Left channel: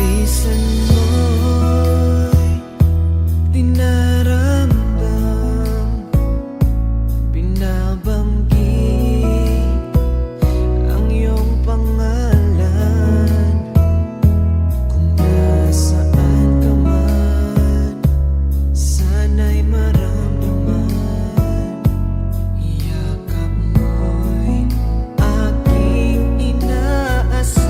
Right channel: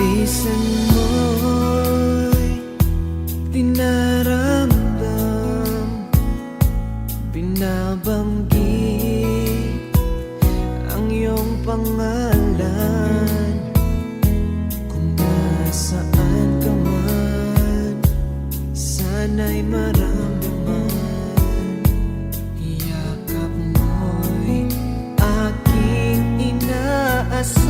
bilisan mo'y dinaramdam, binabanggit ang iyong pangalan. Kung nasaan ka man, sana'y maramdaman. Yakap mo'y aking inaasam.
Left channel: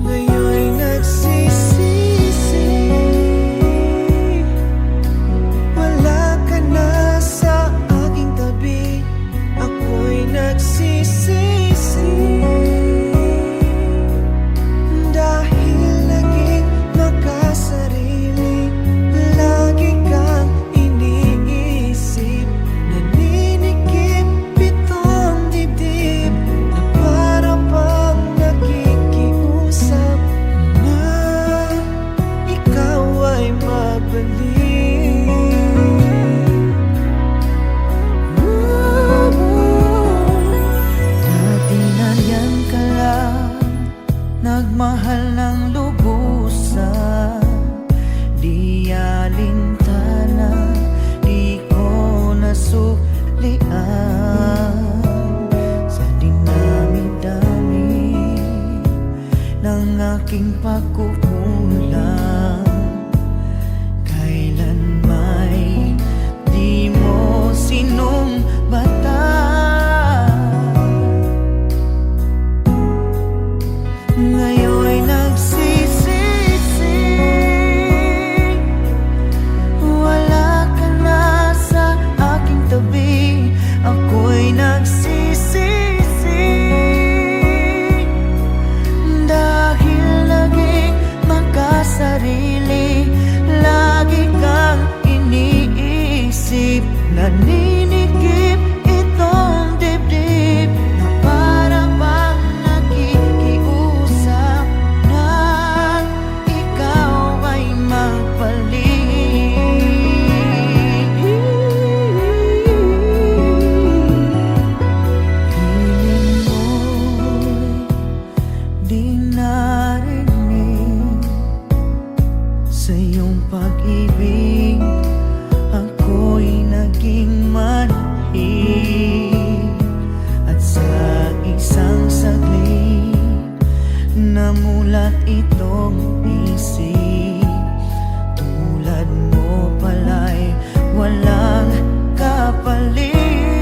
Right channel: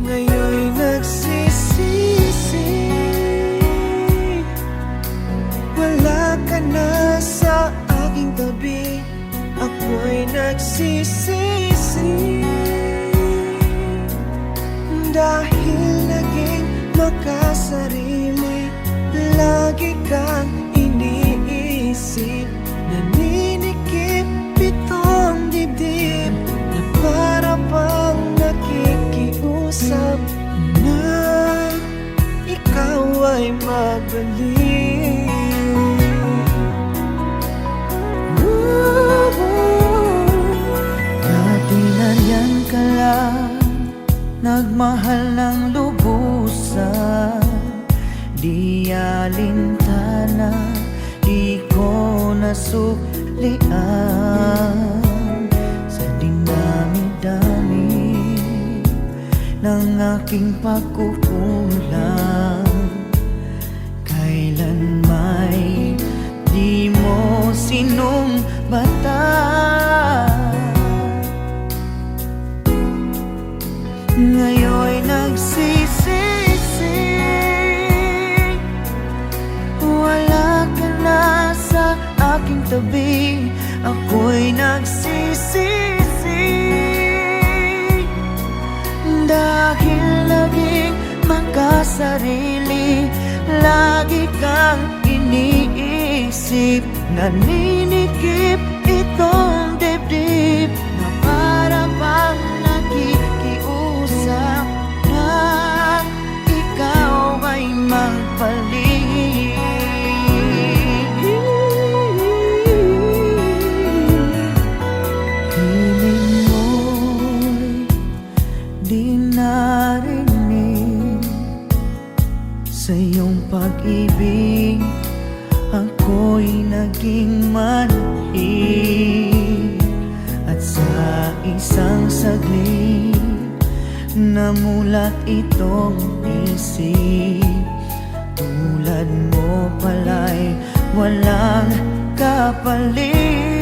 Ngayon'y nagsisisi, wala ka na sa aking tabi. Ako'y nagsisisi dahil naging makasarili. Lagi kang iniisip, naninikip pitong dibdib na para bang nakikiusap na ikaw ay magbalik. Dati nariyan ka lang, nagmahal ng lubusan. Di alintana, di ko nasuklian. Sa dinami-dami ng aking pagkukulang, kailan may di mo sinumbatan. Ngayon'y nagsisisi, wala ka na sa aking tabi. Ako'y nagsisisi dahil naging makasarili. Lagi kang iniisip, naninikip itong dibdib na para bang nakikiusap na ikaw ay magpalit. Hiling mo'y di narinig, sa iyong pag-ibig ako'y naging manhid. At sa isang saglit, namulat itong isip, tulad mo pala'y walang kapalit.